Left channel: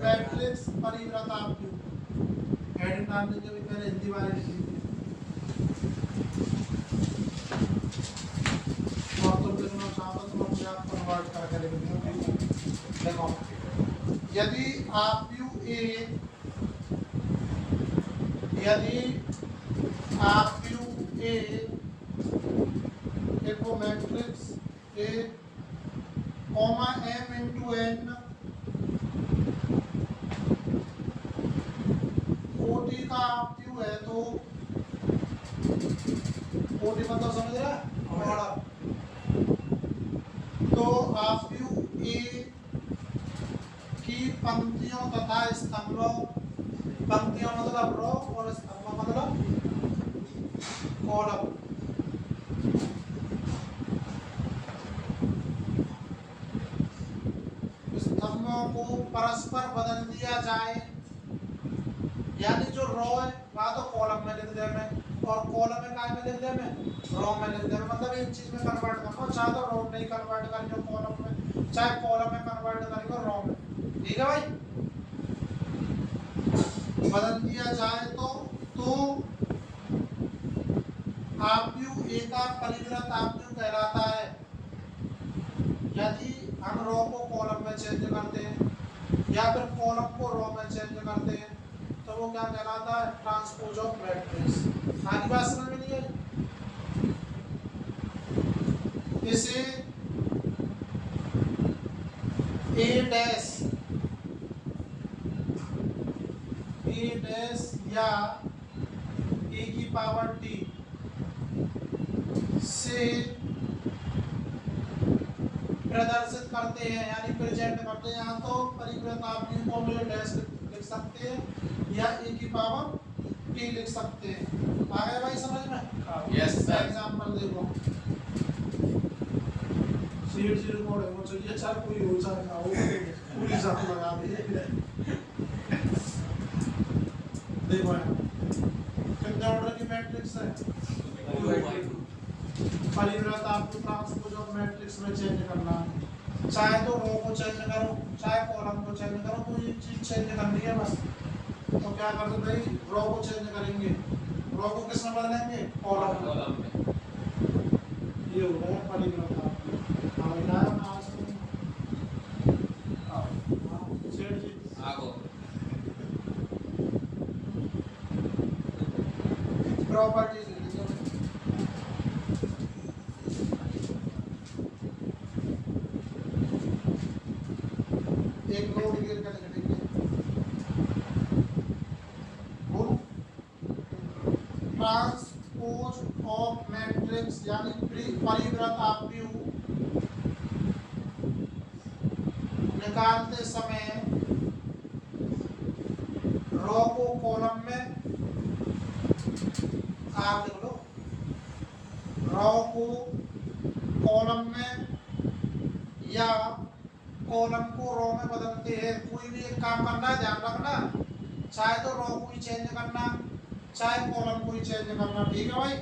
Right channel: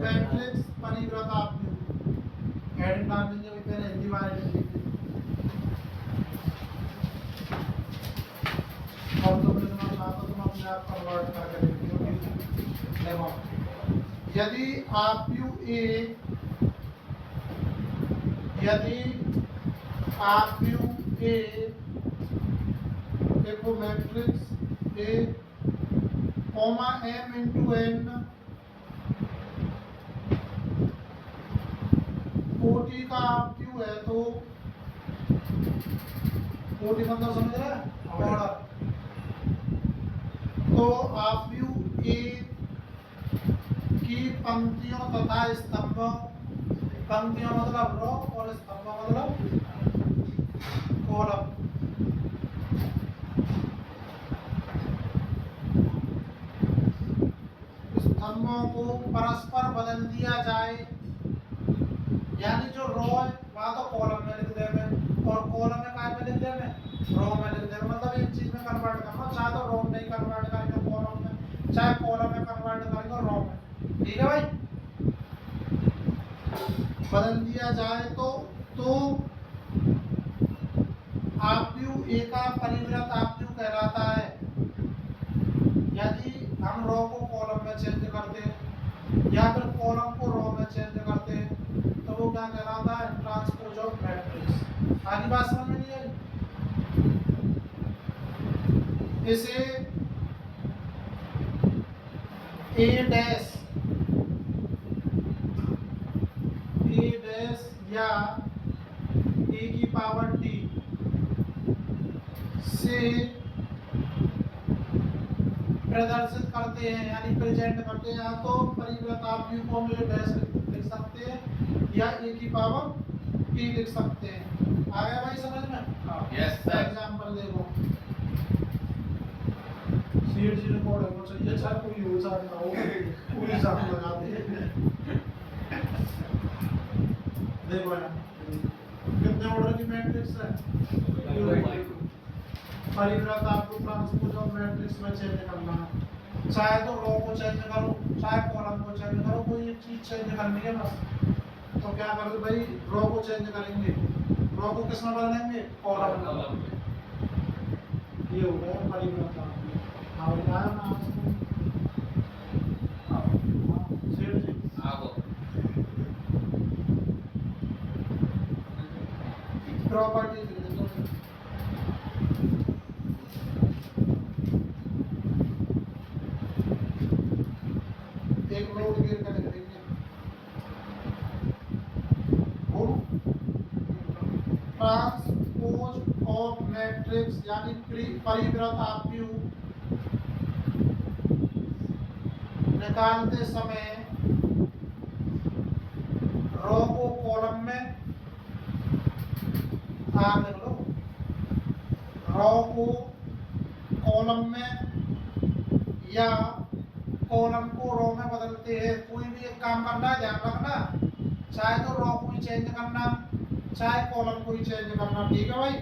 Matrix परिव्रत आपकी heading डाल दीजिए भाई, पहले हिंदी वाले लिख दीजिए और तुम लिखना चाहो तो तुम अपने आप कन्वर्ट करके लिख दो। देखो यदि आप यू ए यदि आप यू ए देखो matrix A comma M into N कोटि का आप क्यू है तो कोटि मतलब समझ रहे हैं ऑर्डर, तो आप यू ए की पंक्तियों तथा स्तंभ, पंक्तियों मतलब रो और स्तंभ मतलब कॉलम, स्तंभों को परस्पर बदल दिया जाए, यानी जो रो है वहां तो कॉलम में लिख दे में और कॉलम में काय में लिख दे में रो में लिख दे में, मतलब एक चीज में कन्वर्ट करना, चाहे तो रो में कन्वर्ट करेंगे कॉलम में, चाहे कॉलम में कन्वर्ट करेंगे रो में, ठीक है भाई। बदल दिया जाए तो आपयू ए का परिव्रत आपयू कहलाता है। यदि हम रो को कॉलम में चेंज करते हैं या फिर कॉलम को रो में चेंज करते हैं तो वो क्या कहलाता है, ट्रांसपोज ऑफ मैट्रिक्स। आगे बात समझ में नहीं आई? इसे ए डैश या ए की पावर टी से प्रदर्शित करते हैं, यानी प्रेजेंट करते हैं, या तो परिव्रत आप यू को हम डैश लिख सकते हैं या ए की पावर टी लिख सकते हैं। आ गया भाई समझ में? Yes sir. एग्जांपल देखो, सीट जी रिकॉर्ड है वो चाहिए, अच्छा कोई हो जाएगा वो पूरी साथ लगा दे। देखो ना कितने ऑर्डर की मैट्रिक्स है, परिव्रत आपको ट्रांसपोज ऑफ मैट्रिक्स में चेंज करना है, चाहे तो रो को चेंज करो चाहे कॉलम को चेंज करो, कोई एक चीज चेंज करनी है बस। तो क्या करते भाई, रो को चेंज करेंगे, रो को किस में बदलेंगे, कॉलम में। ये हो गया परिव्रत आपको। हाँ यार ना सेठ जी आगो प्रॉपर्टीज एक नोट क्लियर कर देंगे। ट्रांसपोज ऑफ मैट्रिक्स यानी परिव्रत आपयू निकालते समय रो को कॉलम में आप लिख लो, रो को कॉलम में या कॉलम को रो में बदलते हैं। कोई भी एक काम करना है ध्यान रखना, चाहे तो रो को ही चेंज करना चाहे कॉलम को ही चेंज करना, ठीक है भाई।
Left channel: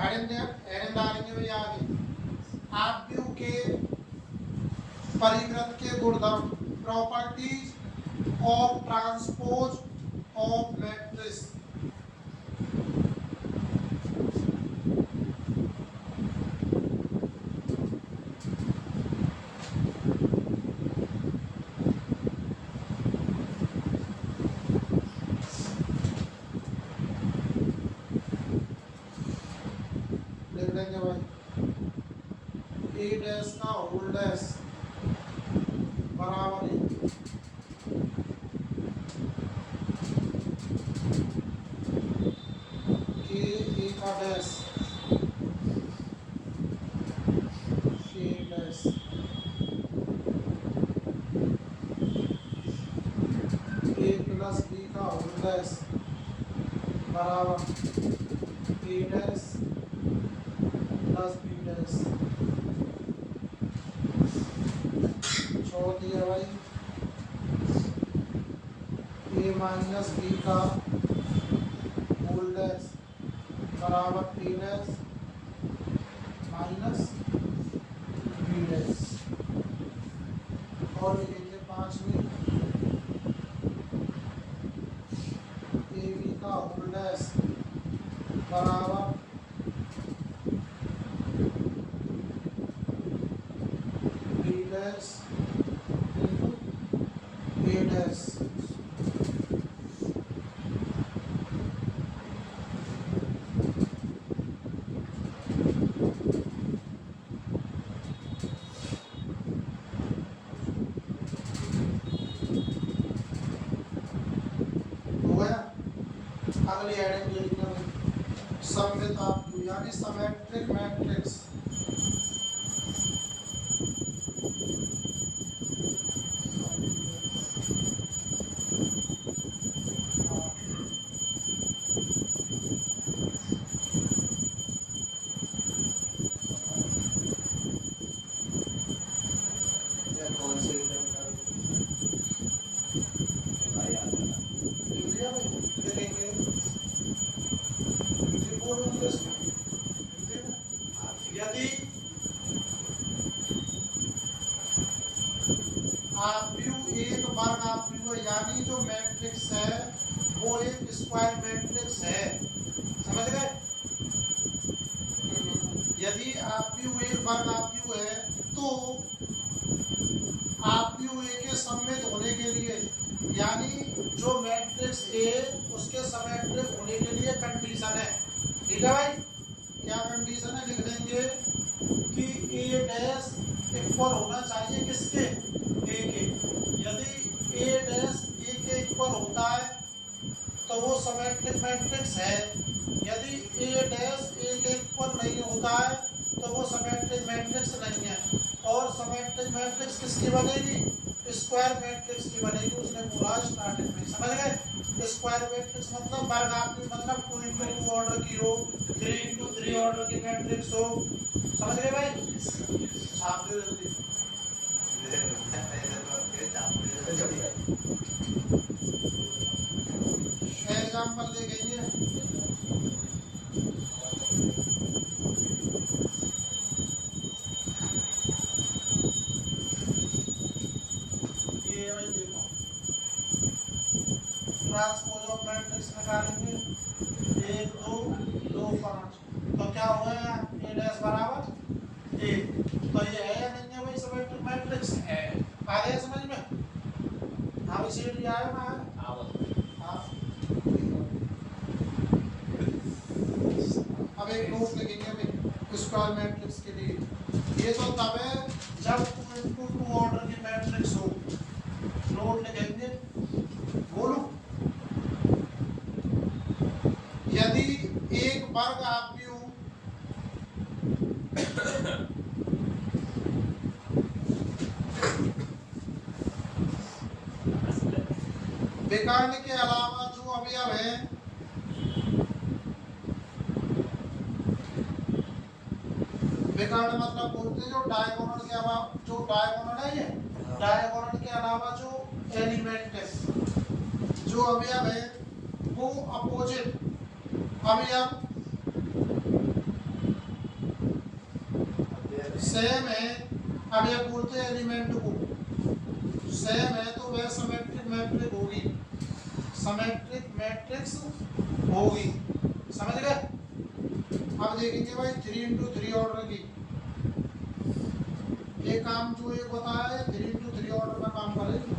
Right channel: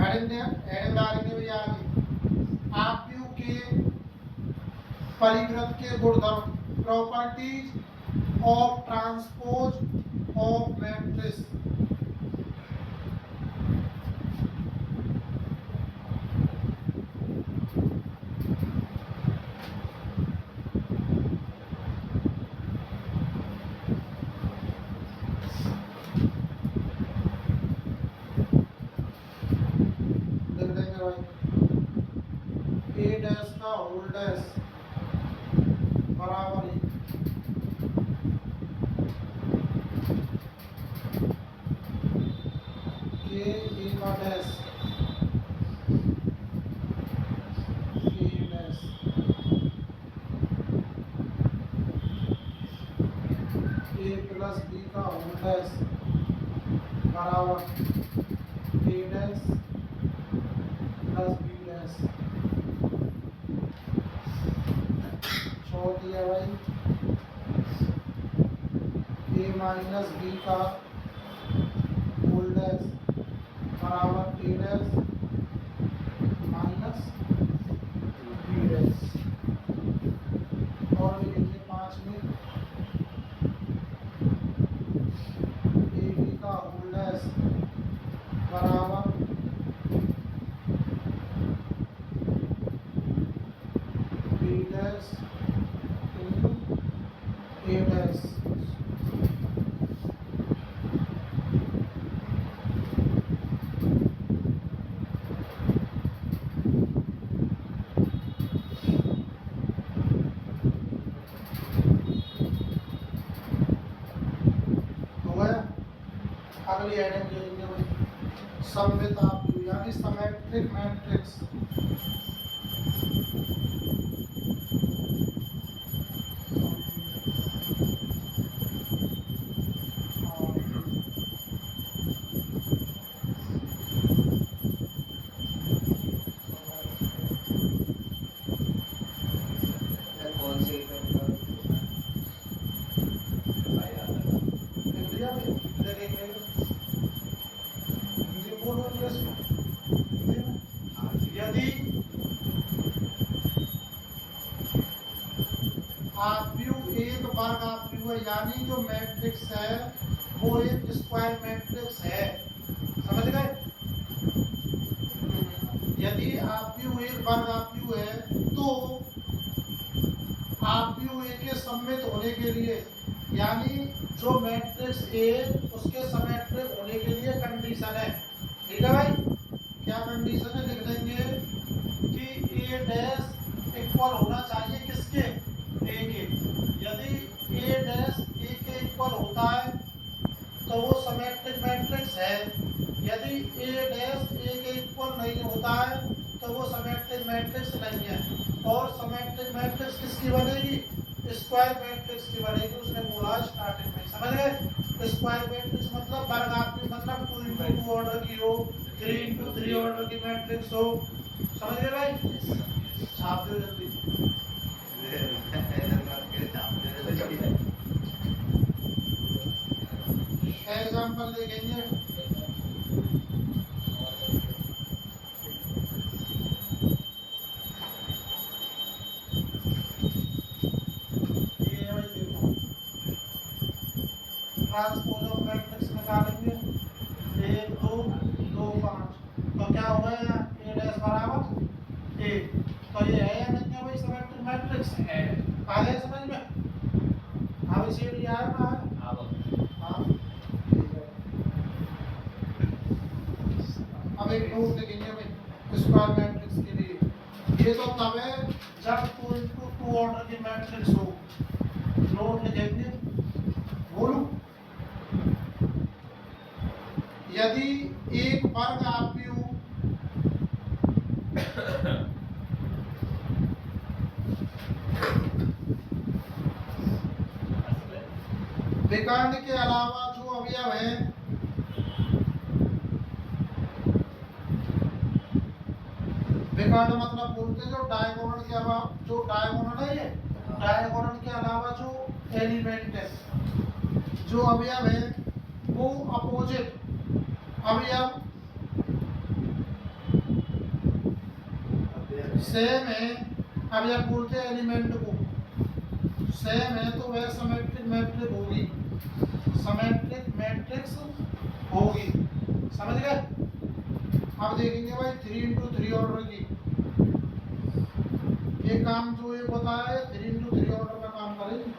हेडिंग डालेंगे भैया आगे, आपयू के परिव्रत के गुणधर्म, properties of transpose of matrix. लिख देंगे भाई, ए डैश का होल डैश बराबर है के ए का डैश के डैश ए प्लस बी का होल डैश बराबर ए डैश प्लस बी डैश। छोड़ दिया भाई, ए माइनस बी का होल डैश बराबर ए डैश माइनस डैश हो गया। अगली हेडिंग ले लीजिए भाई, सममित आव्यूह यानी सिमेट्रिक मैट्रिक्स। यदि आव्यूह एक वर्ग आव्यूह है, यानी जो मैट्रिक्स है वो एक स्क्वायर मैट्रिक्स है, समझ गए। यदि आव्यूह एक वर्ग आव्यूह है तो आव्यूह ए के सममित होने के लिए, यानी जो मैट्रिक्स ए उसके सिमेट्रिक होने के लिए कंडीशन है, ठीक है भाई। क्या कंडीशन है, लिख देंगे कि ए डैश इक्वल होना चाहिए किसके, ए के। यदि ए डैश ए के इक्वल होता है तो वो सिमेट्रिक मैट्रिक्स है। यदि ए डैश ए के इक्वल नहीं होता है तो वो सिमेट्रिक मैट्रिक्स नहीं है। और सिमेट्रिक मैट्रिक्स किसकी बनेगी, स्क्वायर मैट्रिक्स की बनेगी। उसने बोला स्टार्टिंग में, समझ गए। स्क्वायर मैट्रिक्स मतलब वर्ग आव्यूह मतलब 2 into 2 ऑर्डर की हो, 3 into 3 ऑर्डर की मैट्रिक्स हो, समझ गए भाई। छाप दो जल्दी। एग्जाम्पल ले लेंगे। ये भाई देखो, ट्रांसपोज ऑफ मैट्रिक्स निकालेंगे 1 2 2 5, तो क्या हो गया, ए डैश बराबर 1। तो ये है या नहीं है भाई सिमेट्रिक मैट्रिक्स है। आ गया समझ में। हाँ भाई सीट लिया है ना। हाँ अब एक नोट लिखेंगे भाई स्क्वायर मैट्रिक्स के लिए। ये तो तब है जब 2 into 2 ऑर्डर की मैट्रिक्स हो। नोट लिखेंगे, बोलो। यदि एक वर्ग आव्यूह विकर्ण के अलावा जो अवयव है विकर्ण मतलब बोलते हैं जो डायगोनल के अलावा, जो डायगोनल है, ये डायगोनल के अलावा जो एलिमेंट है, जो अवयव है वो अपोजिट अवयव सेम है। अवयव बोलते हैं एलिमेंट को, सेम है तो वह सिमेट्रिक मैट्रिक्स होगी, सिमेट्रिक मैट्रिक्स होगी, समझ गए। अब देखेंगे भाई 3 into 3 ऑर्डर की। ये काम जो एक होता है 3 into 3 ऑर्डर में काम करेगी।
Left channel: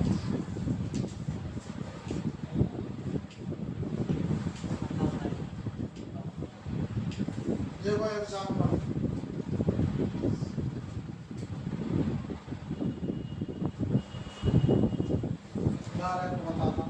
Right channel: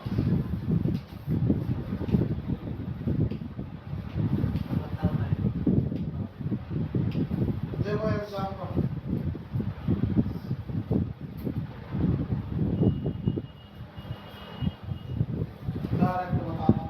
देखो एग्जाम्पल, डायरेक्ट बताना।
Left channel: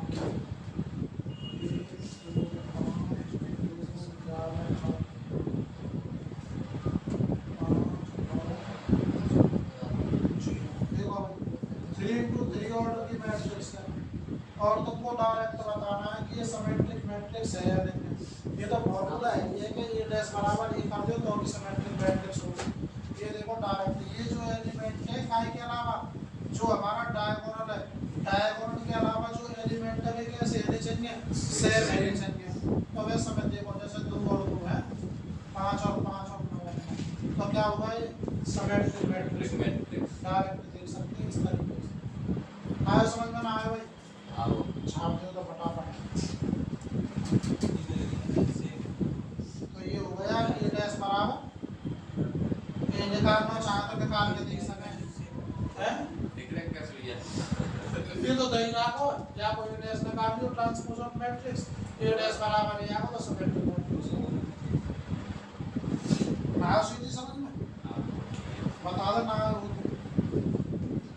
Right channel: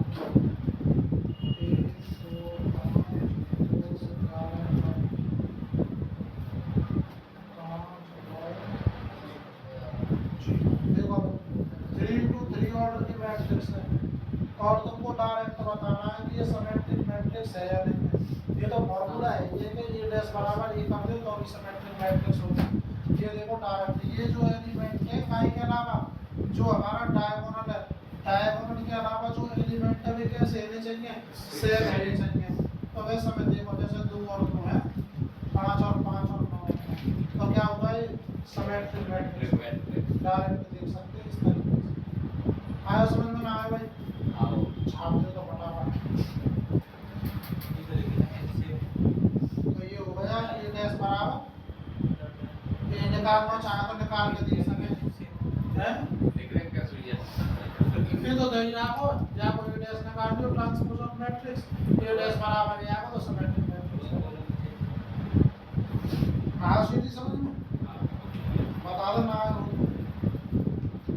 और तुमको डायरेक्ट बताना है कि ये सिमेट्रिक मैट्रिक्स है या नहीं। ये तो फॉर्मूला है, ये कि ये डैश बराबर ये कर दो तो भी सिमेट्रिक मैट्रिक्स होगा। ये देखो डायरेक्ट, ये जो एलिमेंट है काय के अलावा जो हमारा डायगोनल है, डायगोनल के अलावा जो एलिमेंट है वे कैसे होने चाहिए, सेम होने चाहिए। तो वैसे में देखो जैसे 2 और 2 है, 5 और 5 और 9 है, तो क्या होगा ये सिमेट्रिक मैट्रिक्स। डायरेक्ट देख सकते हैं इस तरीके से। आया समझ में ना आया भाई, छाप दे तो फटाफट। तो ये हो गया ए डैश बराबर, ये निकालना चाहे तो निकाल के देख सके हैं। ये तो दही ना को या कोई डैश निकाल लियो transpose of matrix A dash बराबर है आएगा तो सिमेट्रिक मैट्रिक्स ना सीधी समझ में बता दे ना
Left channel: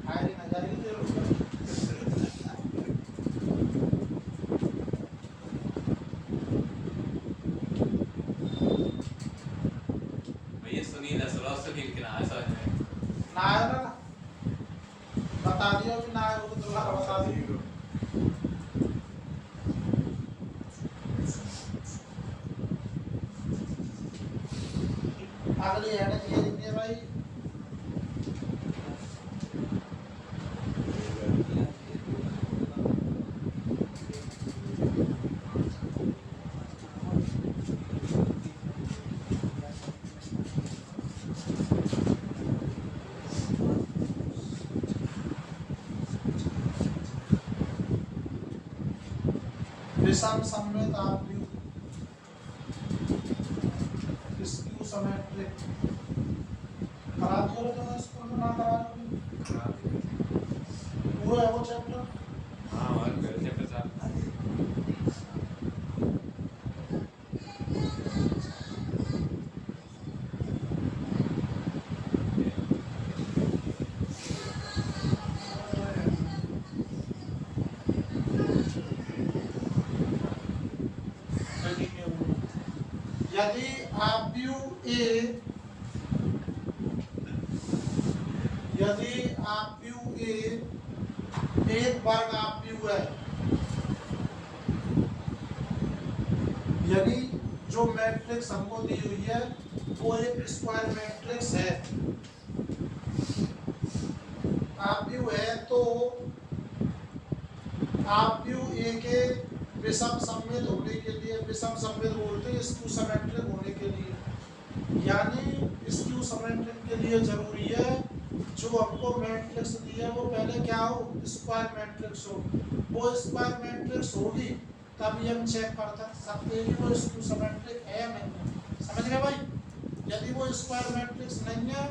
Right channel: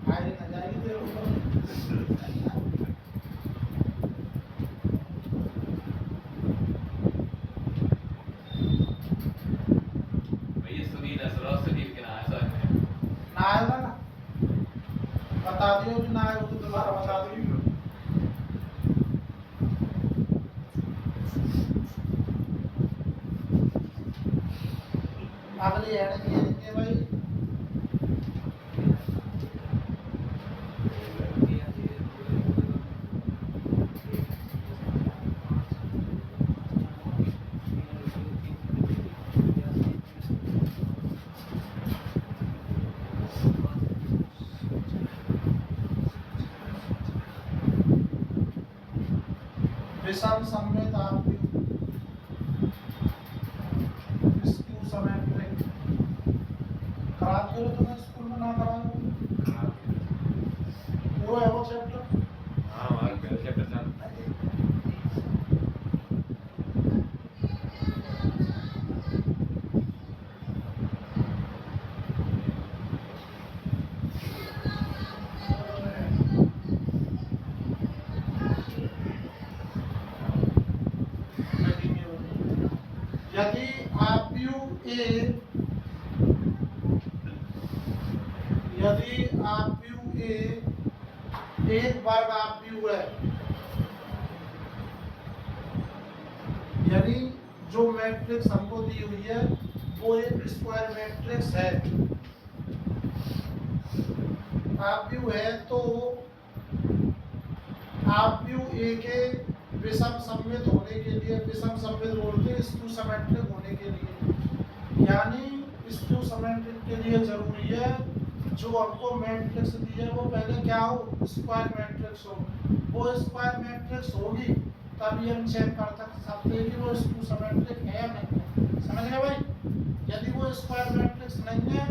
आएगी ना जाएगी तेरे ऊपर भैया सुनील असरा सुनील के नाम से ना आएगा ना बता दियो कि ना आएगा तो दोबारा बता दियो अगली है ना ये देंगे भाई विषम सममित आपकी स्क्यू सिमेट्रिक करा दियो तो स्कूल में ना करा वो है वो चैप्टर हाँ हमारे पहले चैप्टर चार यदि आप्यू ए यदि आप्यू ए एक वर्ग आप्यू है यानी जो मैट्रिक्स हमको दी हुई है वो एक स्क्वायर मैट्रिक्स है आप्यू है तो आप्यू ए के विषम सममित होने के लिए विषम सममित बोलते हैं स्क्यू सिमेट्रिक होने के लिए यानी स्क्यू सिमेट्रिक के लिए जरूरी है जो हमको मैट्रिक्स दी है वो पहले क्या हो स्क्वायर मैट्रिक्स हो वो स्क्वायर मैट्रिक्स होगी तभी हम चेक कर सकते हैं कि वो स्क्यू सिमेट्रिक है या नहीं समझ गए भाई यदि वो स्क्वायर मैट्रिक्स नहीं है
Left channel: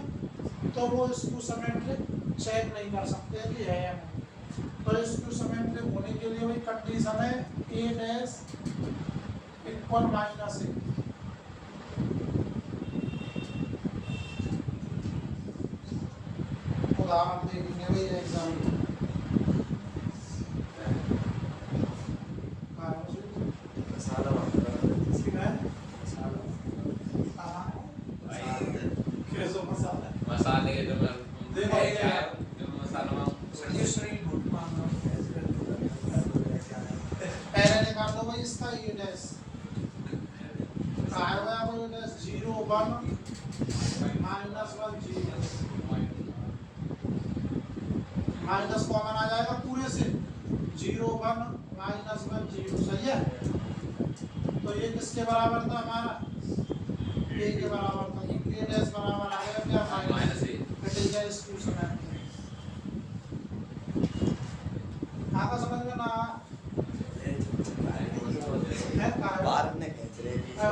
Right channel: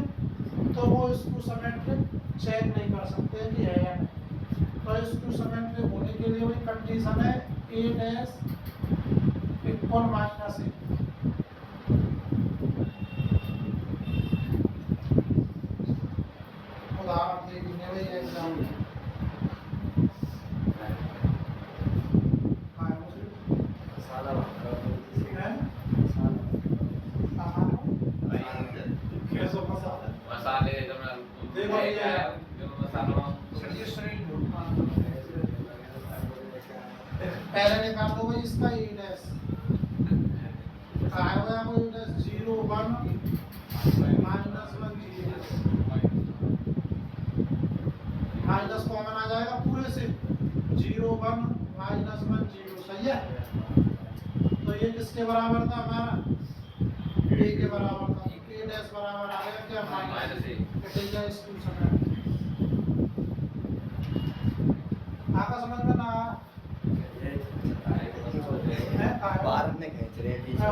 तो वो स्क्यू सिमेट्रिक चेक नहीं कर सकते कि है या नहीं तो स्क्यू सिमेट्रिक होने के लिए वही कंडीशन है a डैश इक्वल माइनस ए उदाहरण देखेंगे भाई एग्जाम में मसाले जो मैं देखो ये जो मसाला पहले निकाल दो भाई इसका ए डैश कहा होगा वो डैश 0 1 -1 0 माइनस कॉमन आ जाएगा पूरे से 0 1 -1 0 सही है तो ये किसके बराबर था हमारा ए के बराबर था ए डैश बराबर आ गया क्या माइनस ए कटेगा स्क्यू समय आका समझ में ना है बाद में खींच रहे पीछे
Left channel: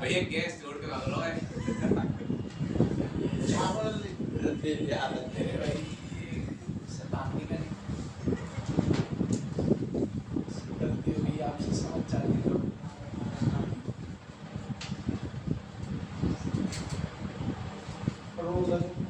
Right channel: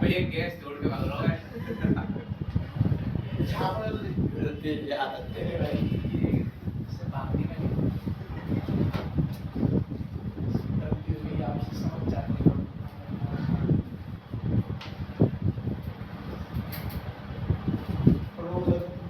भैया गैस जोड़ के कर लोगे यार तेरे भाई से बात नहीं करें गलती हुई आपसे समझ जाती रोज